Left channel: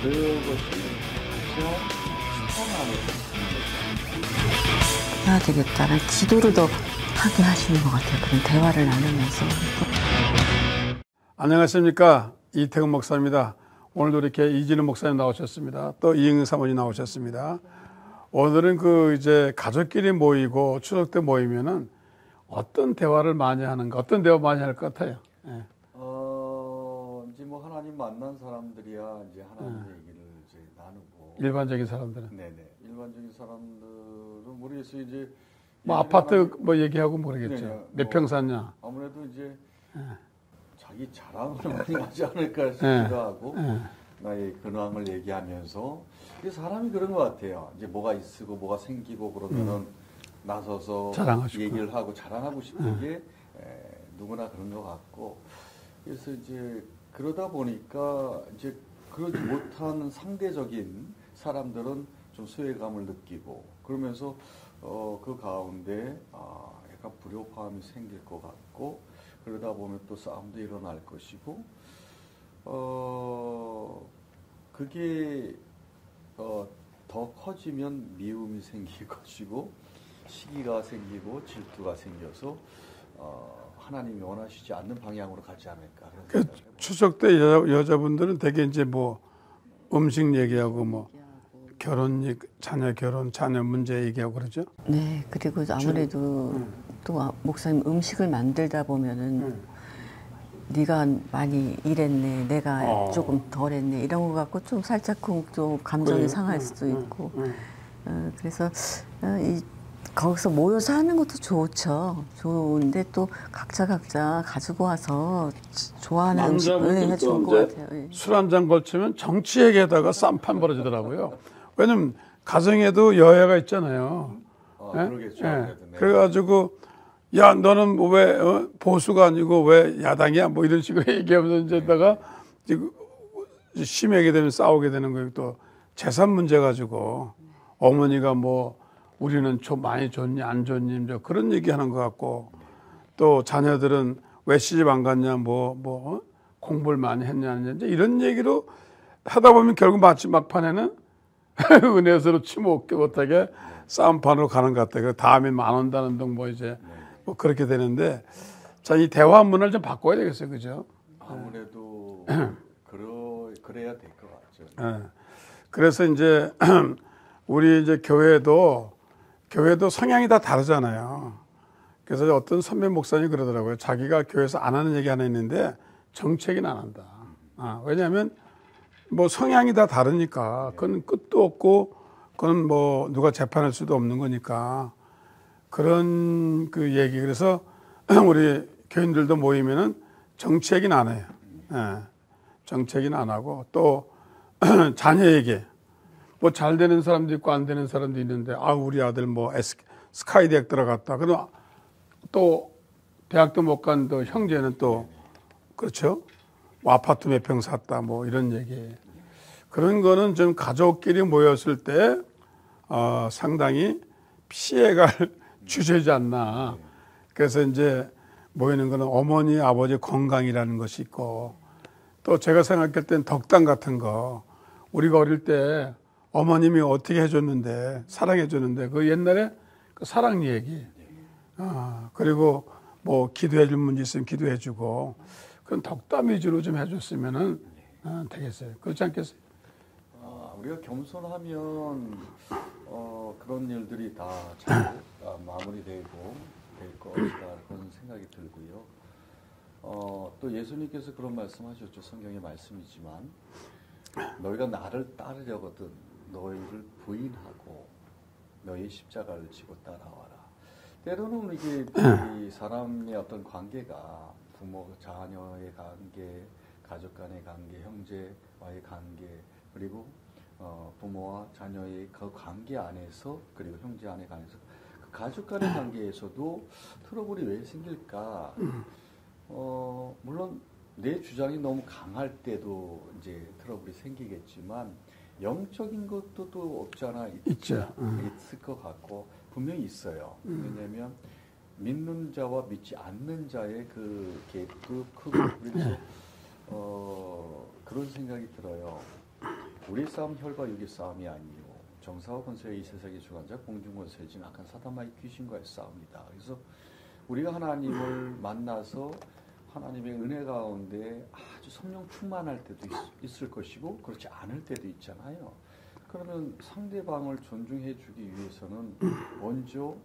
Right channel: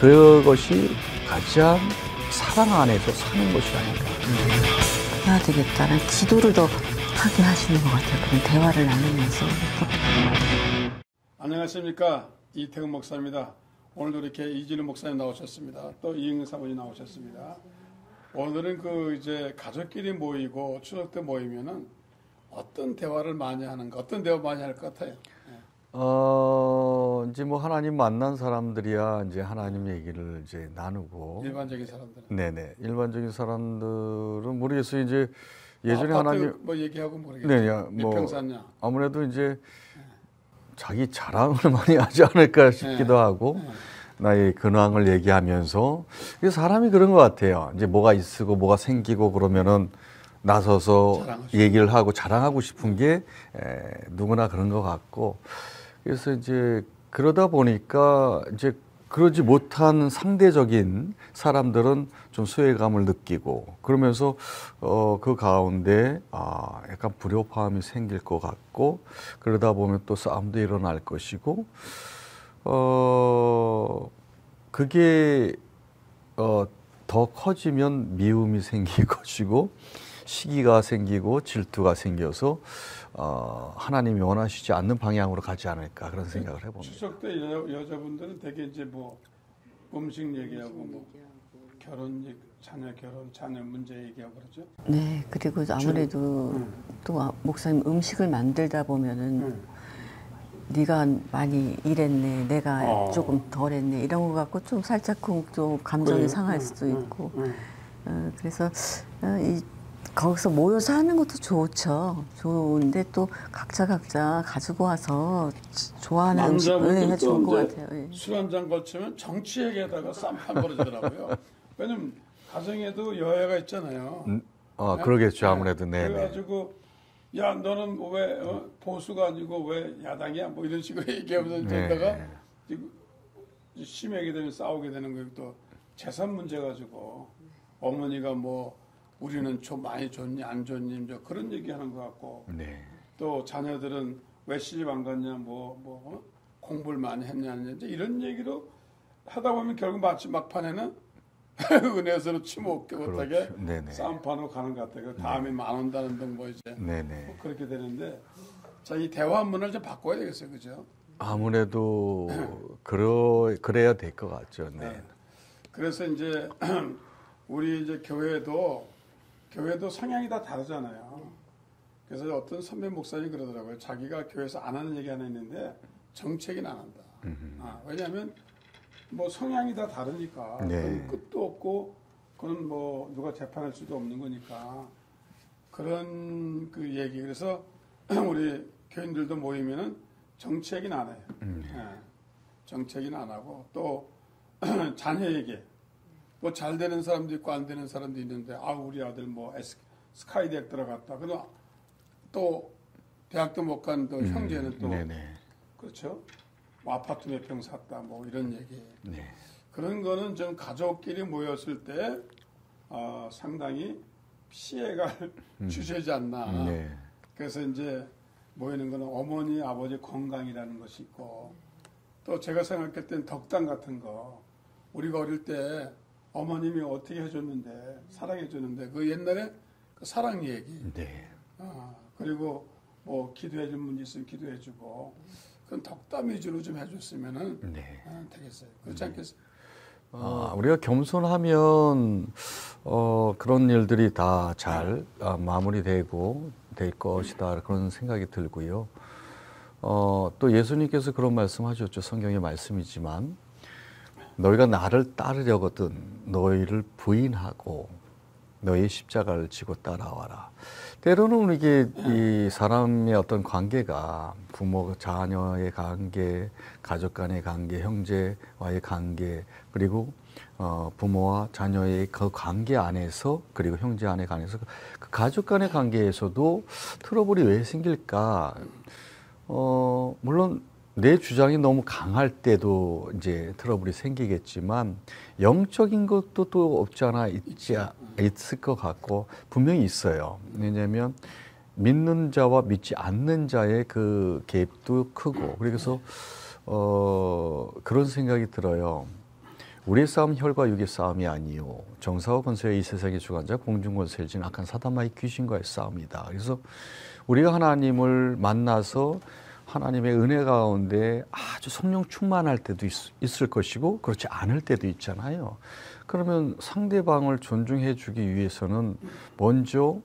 그것이 가장 사랑 안에서 사는 것이 아닌가. 해야 되겠다는 기도를 더 하게 하시는 것 같아요. 그런 대화를 나누면서. 안녕하십니까, 이태근 목사입니다. 오늘도 이렇게 이진우 목사님 나오셨습니다. 또 이응은 사모님 나오셨습니다. 오늘은 이제 가족끼리 모이고 추석 때 모이면은 어떤 대화를 많이 하는가, 어떤 대화 많이 할 것 같아요. 네. 이제 뭐 하나님 만난 사람들이야 이제 하나님 얘기를 이제 나누고. 일반적인 사람들은. 네네. 일반적인 사람들은 모르겠어요. 이제 예전에 뭐 아파트 하나님, 뭐 얘기하고 모르겠죠. 네, 몇 평 샀냐. 아무래도 이제 자기 자랑을 많이 하지 않을까 싶기도 하고. 나의 근황을 얘기하면서 사람이 그런 것 같아요. 이제 뭐가 있고 뭐가 생기고 그러면은 나서서 얘기를 하고 자랑하고 싶은 게 누구나 그런 것 같고, 그래서 이제 그러다 보니까 이제 그러지 못한 상대적인 사람들은 좀 소외감을 느끼고 그러면서 그 가운데 약간 불협화음이 생길 것 같고, 그러다 보면 또 싸움도 일어날 것이고, 그게 더 커지면 미움이 생길 것이고, 시기가 생기고 질투가 생겨서 하나님이 원하시지 않는 방향으로 가지 않을까, 그런 생각을 해봅니다. 추석 때 여자분들은 되게 이제 뭐 음식 얘기하고 뭐 결혼 얘기, 자녀 결혼, 자녀 문제 얘기하고 그러죠. 네, 그리고 아무래도 또 목사님 음식을 만들다 보면은 네가 많이 일했네, 내가 조금 덜했네, 이런 거 갖고 좀 살짝 또 감정이 상할 수도 있고. 그래서 거기서 모여서 하는 것도 좋죠. 좋은데 또 각자 가지고 와서 좋아하는 음식을 해주는 것 같아요. 술 한 잔 걸치면 정치 얘기에다가 쌈판 벌어지더라고요. 왜냐면 가정에도 여야가 있잖아요. 그러겠죠, 아무래도. 네. 그래가지고 야, 너는 왜 보수가 아니고 왜 야당이야? 뭐 이런 식으로 얘기하면서 이제다가 심하게 되면 싸우게 되는 거예요. 또 재산 문제 가지고 어머니가 뭐 우리는 많이 줬니 안 줬니 그런 얘기하는 것 같고, 또 자녀들은 왜 시집 안 갔냐, 공부를 많이 했냐 이제 이런 얘기로 하다 보면 결국 막판에는 은혜스러워 치먹게 못하게 싸움판으로 가는 것 같아요. 다음에 안 온다는 등 뭐 이제 뭐 그렇게 되는데, 자, 이 대화 문화를 좀 바꿔야 되겠어요, 그죠? 아무래도 그래야 될 것 같죠. 네. 그래서 이제 우리 이제 교회도 성향이 다 다르잖아요. 그래서 어떤 선배 목사님이 그러더라고요. 자기가 교회에서 안 하는 얘기 하나 있는데 정책은 안 한다. 왜냐하면 뭐 성향이 다 다르니까. 그건 끝도 없고, 그건 뭐 누가 재판할 수도 없는 거니까. 그런 그 얘기. 그래서 우리 교인들도 모이면은 정치 얘기는 안 해요. 정치 얘기는 안 하고, 또 자녀 얘기. 뭐 잘 되는 사람도 있고 안 되는 사람도 있는데, 우리 아들 뭐 스카이 대학 들어갔다. 그럼 또 대학도 못 간 또 형제는 또 그렇죠. 뭐 아파트 몇 평 샀다, 뭐 이런 얘기. 그런 거는 좀 가족끼리 모였을 때 상당히 피해갈 주제지 않나. 그래서 이제 모이는 거는 어머니, 아버지 건강이라는 것이 있고, 또 제가 생각할 땐 덕담 같은 거, 우리가 어릴 때 어머님이 어떻게 해줬는데, 사랑해줬는데, 그 옛날에 그 사랑 얘기. 그리고 뭐 기도해줄 문제 있으면 기도해주고, 그런 덕담 위주로 좀 해줬으면은 되겠어요. 그렇지 않겠어요? 우리가 겸손하면 그런 일들이 다 잘 마무리되고 될 것이다, 그런 생각이 들고요. 또 예수님께서 그런 말씀하셨죠. 성경의 말씀이지만, 너희가 나를 따르려거든 너희를 부인하고 너희 십자가를 지고 따라와라. 때로는 이게 이 사람의 어떤 관계가 부모 자녀의 관계, 가족 간의 관계, 형제와의 관계, 그리고 부모와 자녀의 그 관계 안에서, 그리고 형제 안의 관계에서, 그 가족 간의 관계에서도 트러블이 왜 생길까? 물론 내 주장이 너무 강할 때도 이제 트러블이 생기겠지만, 영적인 것도 또 없지 않아 있을 것 같고, 분명히 있어요. 왜냐하면 믿는 자와 믿지 않는 자의 그 갭도 크고, 그래서 그런 생각이 들어요. 우리의 싸움 혈과 육의 싸움이 아니요 정사와 권세의 이 세상의 주관자 공중권세를 지닌 악한 사단마의 귀신과의 싸움이다. 그래서 우리가 하나님을 만나서 하나님의 은혜 가운데 아주 성령 충만할 때도 있을 것이고 그렇지 않을 때도 있잖아요. 그러면 상대방을 존중해 주기 위해서는 먼저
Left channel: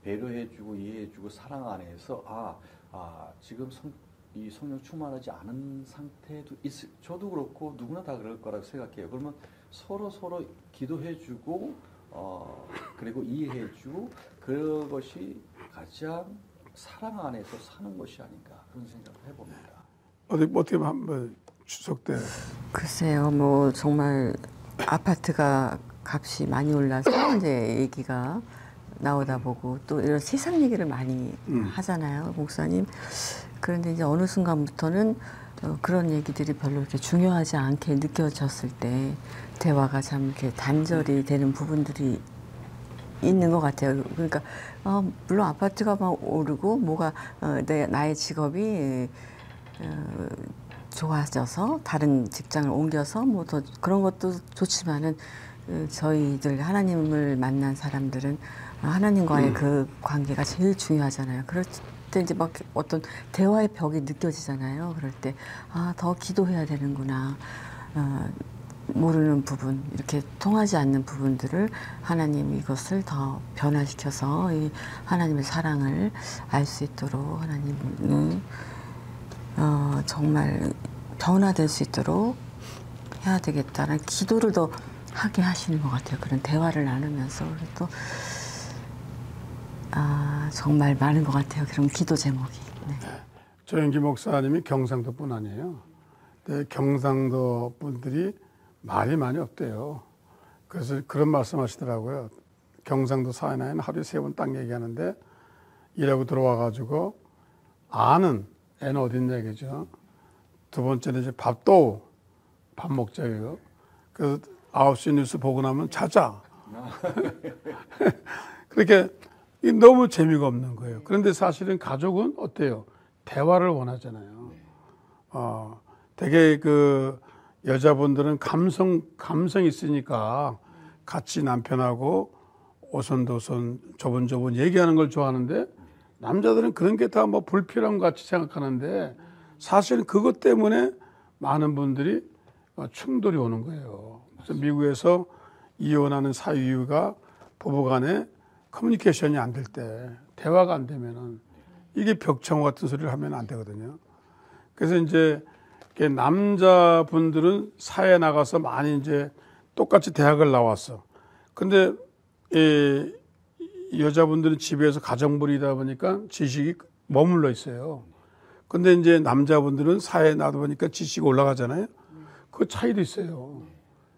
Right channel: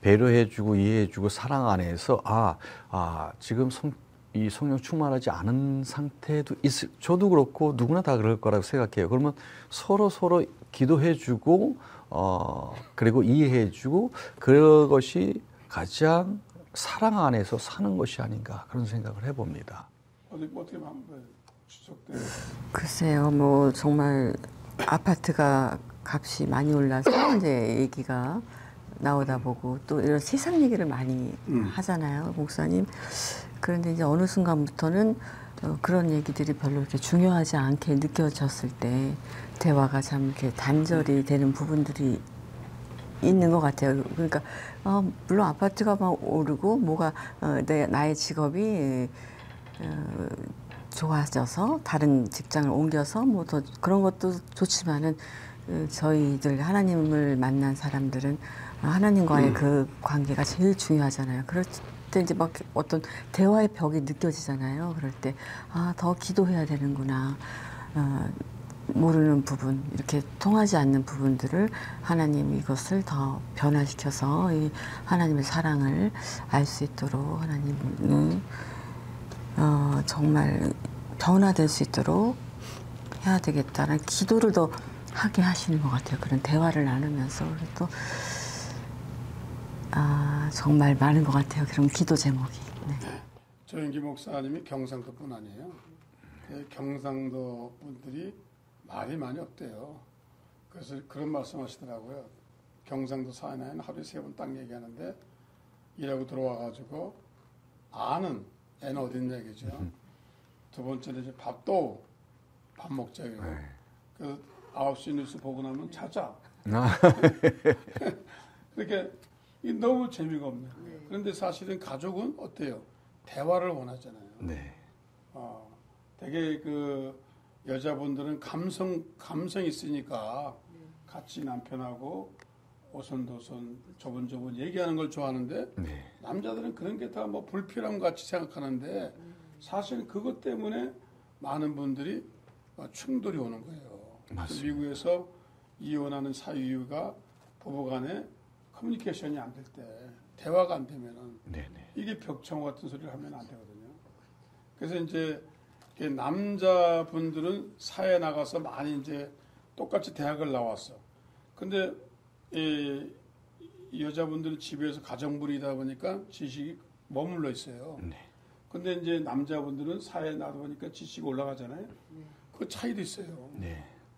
배려해 주고 이해해 주고 사랑 안에서 지금 이 성령 충만하지 않은 상태도 저도 그렇고 누구나 다 그럴 거라고 생각해요. 그러면 서로 기도해 주고 그리고 이해해 주고 그것이 가장 사랑 안에서 사는 것이 아닌가 그런 생각을 해봅니다. 어떻게 한번 추석 때 글쎄요, 뭐 정말 아파트가 값이 많이 올라서 이제 얘기가 나오다 보고 또 이런 세상 얘기를 많이 하잖아요, 목사님. 그런데 이제 어느 순간부터는 그런 얘기들이 별로 이렇게 중요하지 않게 느껴졌을 때 대화가 참 이렇게 단절이 되는 부분들이 있는 것 같아요. 그러니까 물론 아파트가 막 오르고 뭐가 나의 직업이 좋아져서 다른 직장을 옮겨서 뭐 더 그런 것도 좋지만은 저희들 하나님을 만난 사람들은 하나님과의 그 관계가 제일 중요하잖아요. 그럴 때 이제 막 어떤 대화의 벽이 느껴지잖아요. 그럴 때 더 기도해야 되는구나. 모르는 부분, 이렇게 통하지 않는 부분들을 하나님이 이것을 더 변화시켜서 이 하나님의 사랑을 알 수 있도록 하나님은 정말 변화될 수 있도록 해야 되겠다는 기도를 더 하게 하시는 것 같아요. 그런 대화를 나누면서. 또 정말 많은 것 같아요. 그런 기도 제목이. 네. 조영기 목사님이 경상도 분 아니에요. 근데 경상도 분들이 말이 많이 없대요. 그래서 그런 말씀하시더라고요. 경상도 사나이는 하루에 3번 딱 얘기하는데 일하고 들어와가지고 애는 어딨냐 얘기죠. 두 번째는 이제 밥 먹자예요. 그래서 9시 뉴스 보고 나면 자자. 그렇게 너무 재미가 없는 거예요. 그런데 사실은 가족은 어때요? 대화를 원하잖아요. 네. 되게 그 여자분들은 감성이 있으니까 같이 남편하고 오손도손 조곤조곤 얘기하는 걸 좋아하는데 네. 남자들은 그런 게 다 뭐 불필요한 것 같이 생각하는데 사실은 그것 때문에 많은 분들이 충돌이 오는 거예요. 미국에서 이혼하는 사유가 부부간에 커뮤니케이션이 안 될 때, 대화가 안 되면은 이게 벽청호 같은 소리를 하면 안 되거든요. 그래서 이제 남자분들은 사회에 나가서 많이 이제 똑같이 대학을 나왔어. 근데 여자분들은 집에서 가정부리다 보니까 지식이 머물러 있어요. 근데 이제 남자분들은 사회에 나다 보니까 지식이 올라가잖아요. 그 차이도 있어요.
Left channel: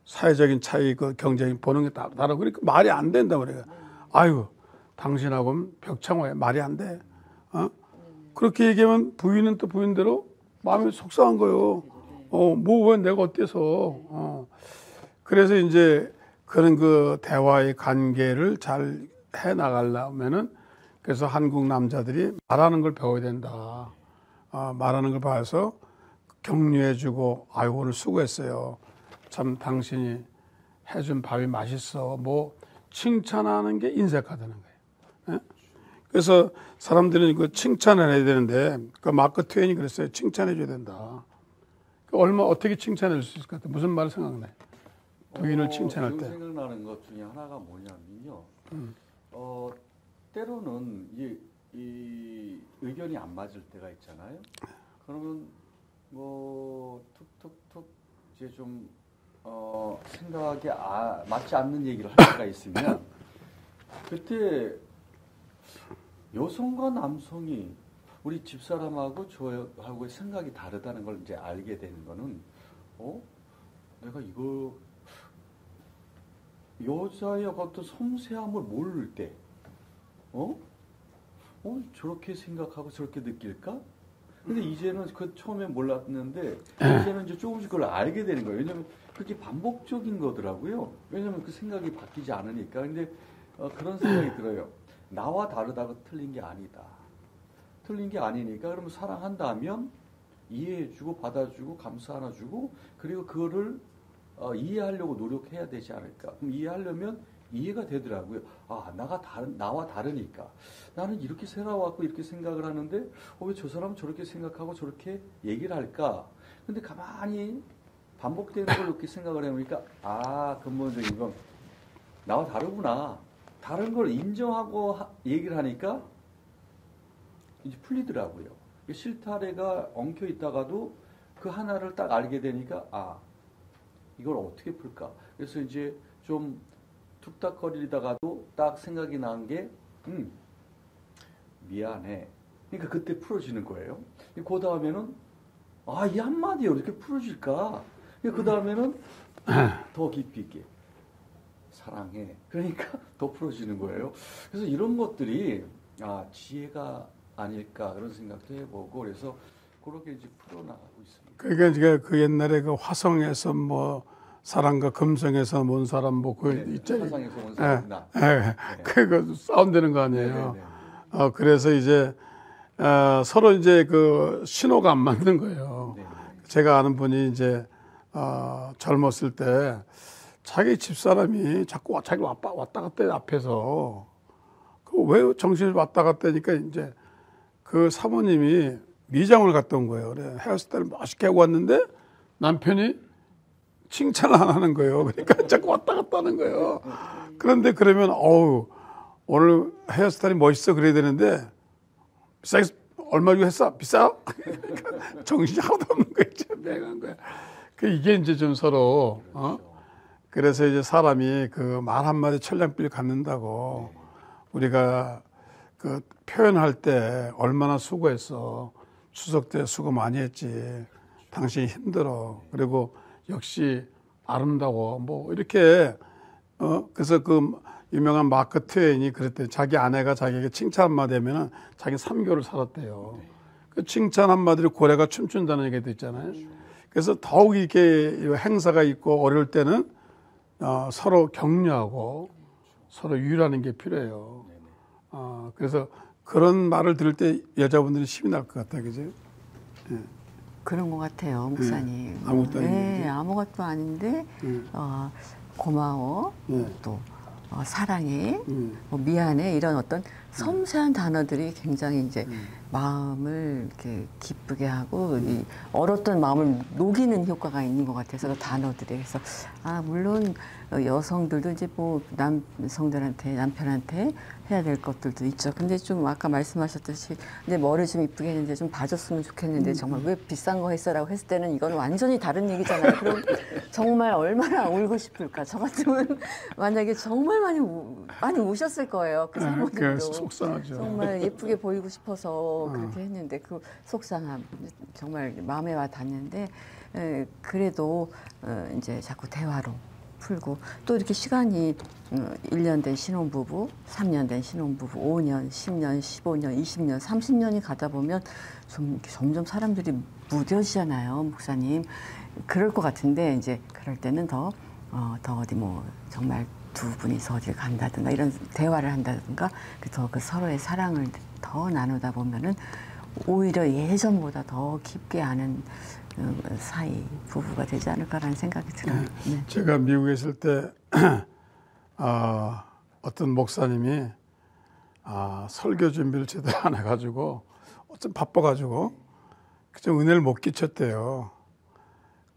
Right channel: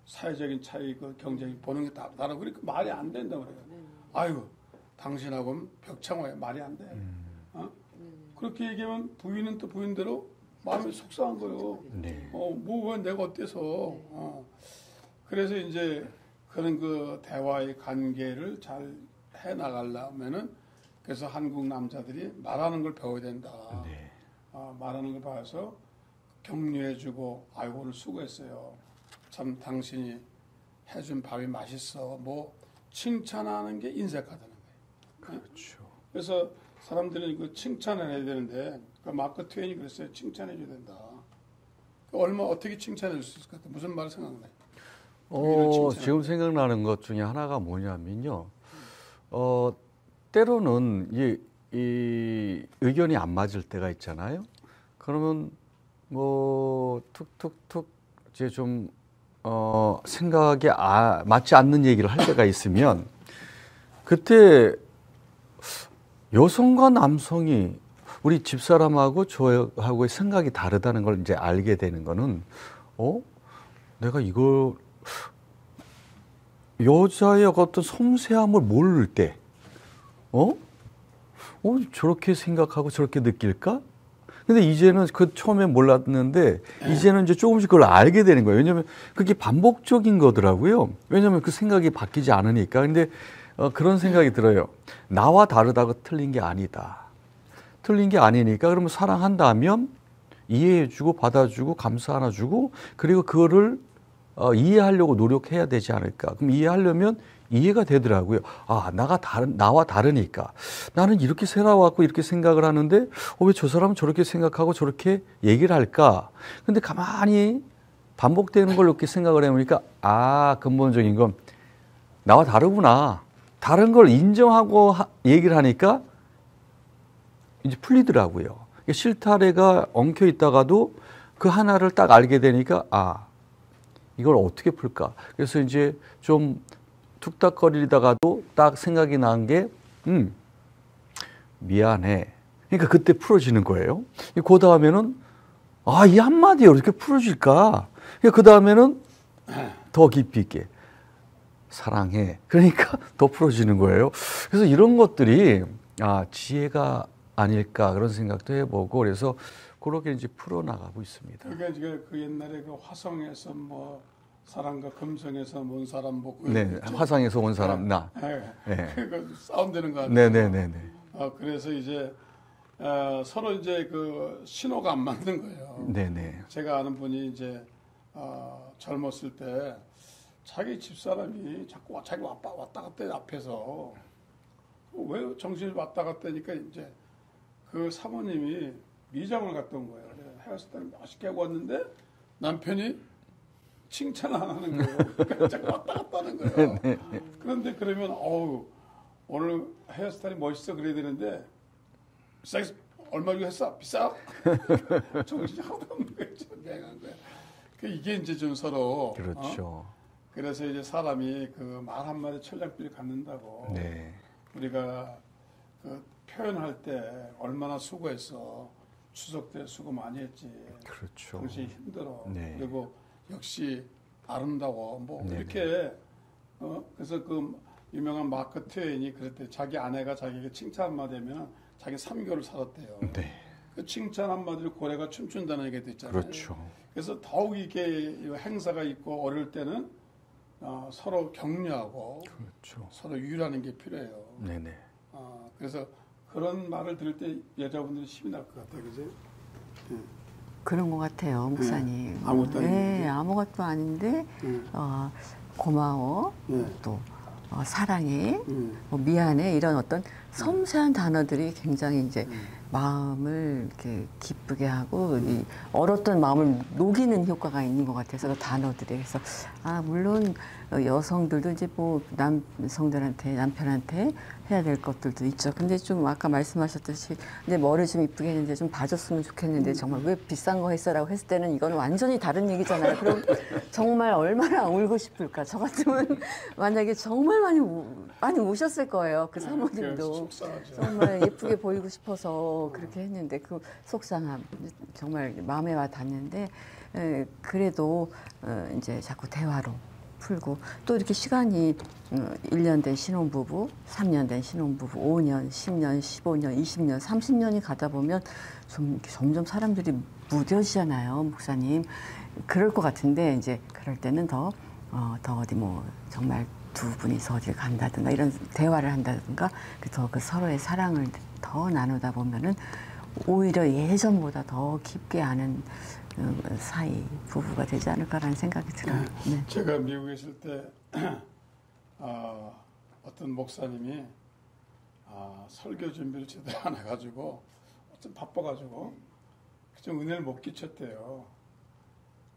사회적인 차이, 그 경쟁이 보는 게 다르고 그러니까 말이 안 된다 그래요. 아유, 당신하고는 벽창호야. 말이 안 돼. 그렇게 얘기하면 부인은 또 부인대로 마음이 속상한 거예요. 왜 내가 어때서. 그래서 이제 그런 그 대화의 관계를 잘 해 나가려면은 그래서 한국 남자들이 말하는 걸 배워야 된다. 말하는 걸 봐서 격려해주고, 아유, 오늘 수고했어요. 참 당신이 해준 밥이 맛있어. 뭐 칭찬하는 게 인색하다는 거예요. 그래서 사람들은 그 칭찬을 해야 되는데, 그 마크 트웨인이 그랬어요. 칭찬해줘야 된다. 어떻게 칭찬할 수 있을 것 같아요? 무슨 말 생각나요? 부인을 칭찬할 지금 때. 생각나는 것 중에 하나가 뭐냐면요. 때로는 이 의견이 안 맞을 때가 있잖아요. 그러면 뭐 툭툭툭 이제 좀 생각에 맞지 않는 얘기를 할 때가 있으면 그때 여성과 남성이 우리 집사람하고 저하고의 생각이 다르다는 걸 이제 알게 되는 거는 내가 이걸 여자의 어떤 섬세함을 모를 때 저렇게 생각하고 저렇게 느낄까? 근데 이제는 그 처음에 몰랐는데 이제는 이제 조금씩 그걸 알게 되는 거예요. 왜냐하면 그게 반복적인 거더라고요. 왜냐하면 그 생각이 바뀌지 않으니까. 근데 그런 생각이 들어요. 나와 다르다고 틀린 게 아니다. 틀린 게 아니니까 그러면 사랑한다면 이해해주고 받아주고 감사 하나 주고 그리고 그거를 이해하려고 노력해야 되지 않을까. 그럼 이해하려면 이해가 되더라고요. 아, 나와 다르니까. 나는 이렇게 살아왔고 이렇게 생각을 하는데 왜 저 사람은 저렇게 생각하고 저렇게 얘기를 할까? 근데 가만히 반복되는 걸 이렇게 생각을 해보니까 근본적인 건 나와 다르구나. 다른 걸 인정하고 얘기를 하니까 이제 풀리더라고요. 실타래가 엉켜 있다가도 그 하나를 딱 알게 되니까 이걸 어떻게 풀까? 그래서 이제 좀 툭닥거리다가도 딱 생각이 난 게 미안해. 그러니까 그때 풀어지는 거예요. 그 다음에는 이 한마디에 이렇게 풀어질까? 그 다음에는 더 깊이 있게 사랑해. 그러니까 더 풀어지는 거예요. 그래서 이런 것들이 지혜가 아닐까 그런 생각도 해보고 그래서 그렇게 이제 풀어나가고 있습니다. 그러니까 그 옛날에 그 화성에서 뭐 사람과 금성에서 온 사람 뭐 그 화성에서 온 사람 나. 그거 싸운다는 거 아니에요? 네네네. 그래서 이제 서로 이제 그 신호가 안 맞는 거예요. 네네. 제가 아는 분이 이제 젊었을 때 자기 집사람이 자꾸 자기 왔다 갔다 해 앞에서 그 왜 정신이 왔다 갔다 하니까 이제 그 사모님이 미장을 갔다 온 거예요. 그래 헤어스타일 멋있게 하고 왔는데 남편이 칭찬을 안 하는 거예요. 그러니까 자꾸 왔다 갔다 하는 거예요. 그런데 그러면 오늘 헤어스타일이 멋있어 그래야 되는데 비싸게 얼마 주고 했어? 비싸? 정신이 하나도 없는 거야. 맹한 거야. 이게 이제 좀 서로 그렇죠. 그래서 이제 사람이 그 말 한마디 천냥빚 갖는다고 네. 우리가 그 표현할 때 얼마나 수고했어. 추석 때 수고 많이 했지. 그렇죠. 당신이 힘들어. 네. 그리고 역시 아름다워. 뭐 네. 이렇게 그래서 그 유명한 마크 트웨인이 그랬대. 자기 아내가 자기에게 칭찬 한마디 하면은 자기 3개월을 살았대요. 네. 그 칭찬 한마디로 고래가 춤춘다는 얘기도 있잖아요. 그렇죠. 그래서 더욱 이렇게 행사가 있고 어려울 때는 서로 격려하고 그렇죠. 서로 유의하는 게 필요해요. 네네. 그래서 그런 말을 들을 때 여자분들이 힘이 날 것 같아요. 그죠? 그런 것 같아요, 목사님. 아무것도 아닌데. 아무것도 아닌데 고마워, 또 사랑해, 뭐 미안해 이런 어떤 섬세한 단어들이 굉장히 이제 마음을 이렇게 기쁘게 하고 이 얼었던 마음을 녹이는 효과가 있는 것 같아서 그 단어들이. 그래서 물론 여성들도 이제 뭐 남편한테 해야 될 것들도 있죠. 근데 좀 아까 말씀하셨듯이 근데 머리 좀 이쁘게 했는데 좀 봐줬으면 좋겠는데 정말 왜 비싼 거 했어라고 했을 때는 이건 완전히 다른 얘기잖아요. 그럼 정말 얼마나 울고 싶을까. 저 같으면 만약에 정말 많이 우셨을 거예요. 그 사모님도 속상하죠. 정말 예쁘게 보이고 싶어서 그렇게 했는데 그 속상함 정말 마음에 와 닿는데 그래도 이제 자꾸 대화로 풀고 또 이렇게 시간이 1년 된 신혼부부, 3년 된 신혼부부, 5년, 10년, 15년, 20년, 30년이 가다 보면 좀 점점 사람들이 무뎌지잖아요, 목사님. 그럴 것 같은데 이제 그럴 때는 더 어디 뭐 정말 두 분이서 어딜 간다든가 이런 대화를 한다든가 그 서로의 사랑을 더 나누다 보면은 오히려 예전보다 더 깊게 아는 사이 부부가 되지 않을까라는 생각이 들어요. 네. 제가 미국에 있을 때 어떤 목사님이 설교 준비를 제대로 안 해가지고 좀 바빠가지고 좀 은혜를 못 끼쳤대요.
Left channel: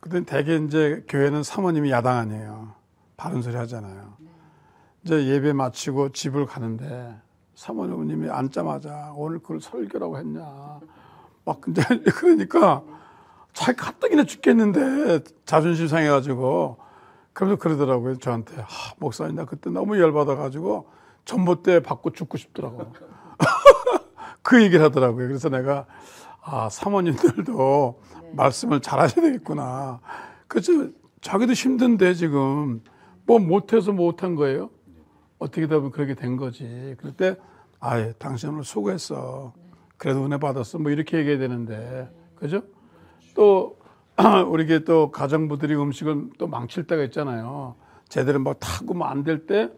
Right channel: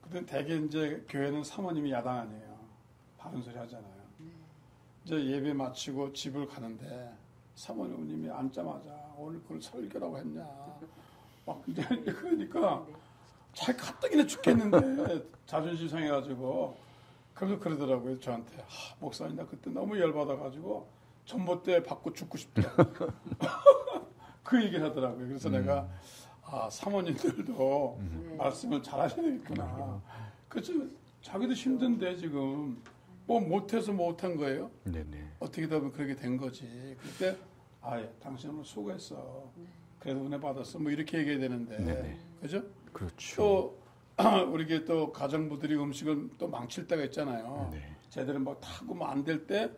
그때 대개 이제 교회는 사모님이 야당 아니에요. 바른 소리 하잖아요. 이제 예배 마치고 집을 가는데 사모님이 앉자마자 오늘 그걸 설교라고 했냐. 막 근데 그러니까 자기 가뜩이나 죽겠는데 자존심 상해가지고 그래서 그러더라고요 저한테. 목사님 나 그때 너무 열받아가지고 전봇대 받고 죽고 싶더라고. 그 얘기를 하더라고요. 그래서 내가 사모님들도 말씀을 잘하셔야 되겠구나. 그래서 자기도 힘든데 지금 뭐 못해서 못한 거예요. 네네. 어떻게 보면 그렇게 된 거지. 그럴 때 당신 오늘 수고했어. 그래도 은혜 받았어. 뭐 이렇게 얘기해야 되는데 네네. 그죠? 그렇죠. 또 우리 또 가정부들이 음식을 또 망칠 때가 있잖아요. 네. 제대로 뭐 타고 뭐 안 될 때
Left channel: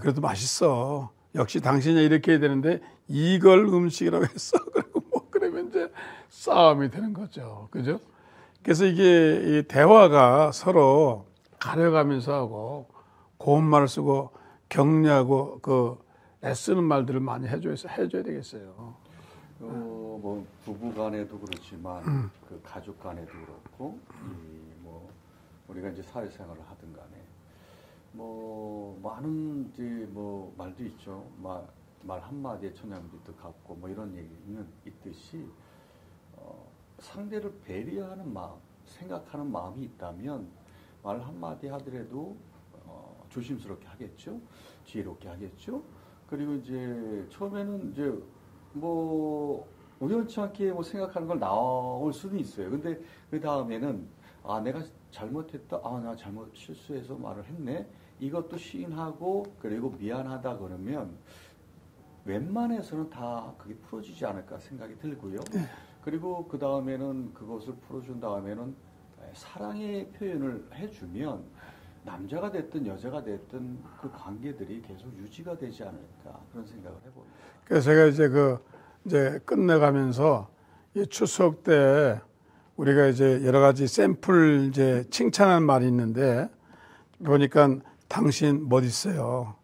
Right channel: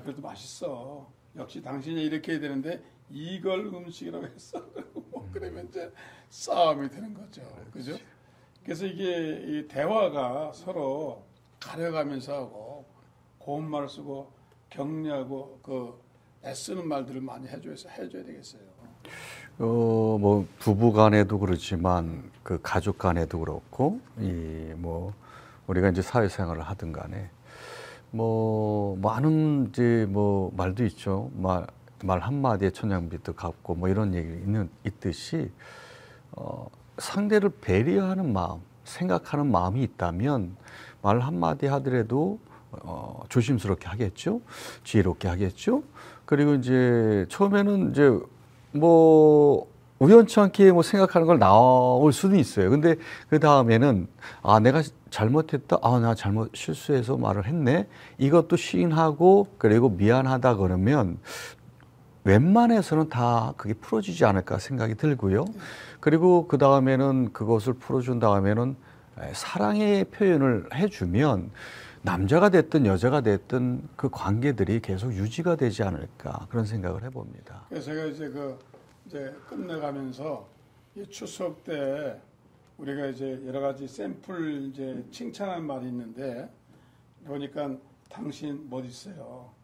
그래도 맛있어. 역시 당신이 이렇게 해야 되는데 이걸 음식이라고 했어. 그리고 뭐 그러면 이제 싸움이 되는 거죠. 그죠? 그래서 이게 이 대화가 서로 가려가면서 하고 고운 말을 쓰고 격려하고 그 애쓰는 말들을 많이 해줘야 되겠어요. 뭐 부부 간에도 그렇지만 그 가족 간에도 그렇고 이 뭐 우리가 이제 사회생활을 하든 간에 뭐 많은 이제 뭐 말도 있죠. 말 한마디에 천냥빚도 갚고 뭐 이런 얘기 있듯이 상대를 배려하는 마음, 생각하는 마음이 있다면 말 한마디 하더라도 조심스럽게 하겠죠. 지혜롭게 하겠죠. 그리고 이제 처음에는 이제 뭐 우연치 않게 뭐 생각하는 걸 나올 수도 있어요. 근데 그 다음에는 아 내가 잘못했다. 아 나 잘못 실수해서 말을 했네. 이것도 시인하고 그리고 미안하다 그러면 웬만해서는 다 그게 풀어지지 않을까 생각이 들고요. 그리고 그 다음에는 그것을 풀어준 다음에는 사랑의 표현을 해주면 남자가 됐든 여자가 됐든 그 관계들이 계속 유지가 되지 않을까 그런 생각을 해봅니다. 그래서 제가 이제 끝내가면서 이 추석 때 우리가 이제 여러 가지 샘플 이제 칭찬하는 말이 있는데 보니까 당신 멋있어요.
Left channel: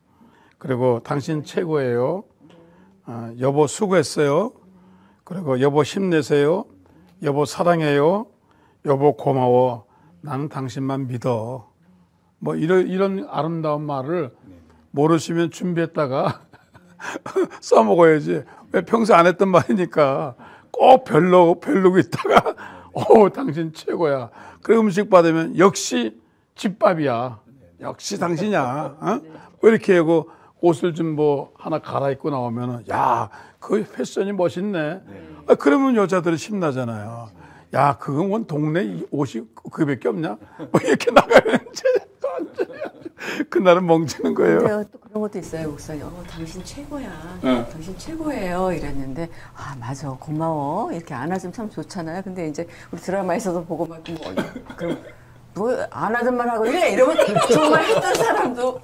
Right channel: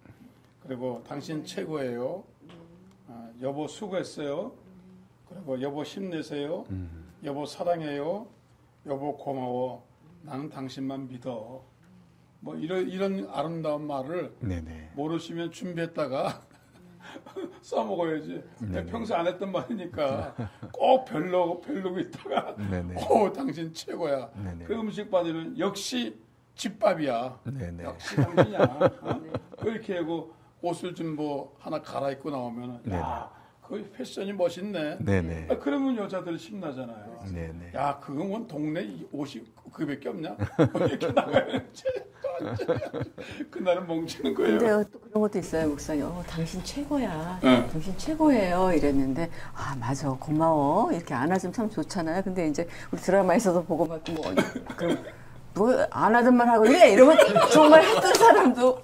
그리고 당신 최고예요. 여보 수고했어요. 그리고 여보 힘내세요. 여보 사랑해요. 여보 고마워. 나는 당신만 믿어. 뭐 이런 아름다운 말을 네네. 모르시면 준비했다가 써먹어야지. 평소 안 했던 말이니까 꼭 별로고 있다가 오 당신 최고야. 그리고 음식 받으면 역시 집밥이야. 네네. 역시 당신이야. 어? 뭐 이렇게 하고 옷을 좀 뭐 하나 갈아입고 나오면은 야 그 패션이 멋있네. 네네. 그러면 여자들이 신나잖아요. 네네. 야 그건 원 동네 옷이 그밖에 없냐? 뭐 이렇게 나가면 그날은 멍치는 거예요. 근데 또 그런 것도 있어요, 목사님. 당신 최고야. 당신 최고예요. 이랬는데, 아, 맞아. 고마워. 이렇게 안아주면 참 좋잖아요. 근데 이제 우리 드라마에서도 보고 막, 그럼, 뭐, 안 하던 말 하고 이래? 이러면 정말 했던 사람도,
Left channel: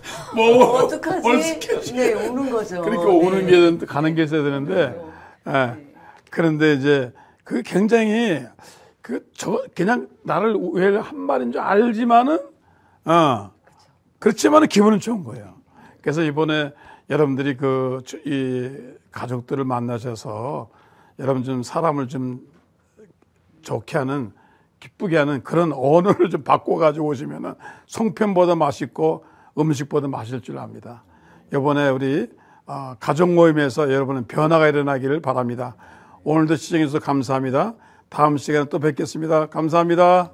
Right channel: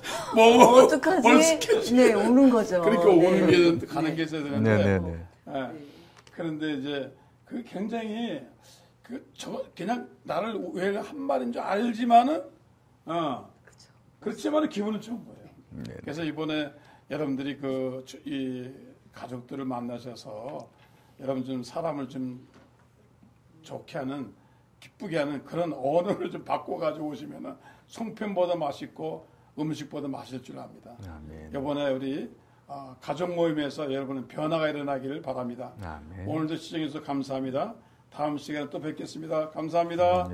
어떡하지? 네, 오는 거죠. 그러니까 오는 게, 가는 게 있어야 되는데, 그런데 이제, 그 굉장히, 그냥 나를 왜 한 말인 줄 알지만은, 그렇지만은 기분은 좋은 거예요. 그래서 이번에 여러분들이 이 가족들을 만나셔서 여러분 좀 사람을 좀 좋게 하는, 기쁘게 하는 그런 언어를 좀 바꿔가지고 오시면은 송편보다 맛있고 음식보다 맛있을 줄 압니다. 이번에 우리 가족 모임에서 여러분은 변화가 일어나기를 바랍니다. 오늘도 시청해주셔서 감사합니다. 다음 시간에 또 뵙겠습니다. 감사합니다.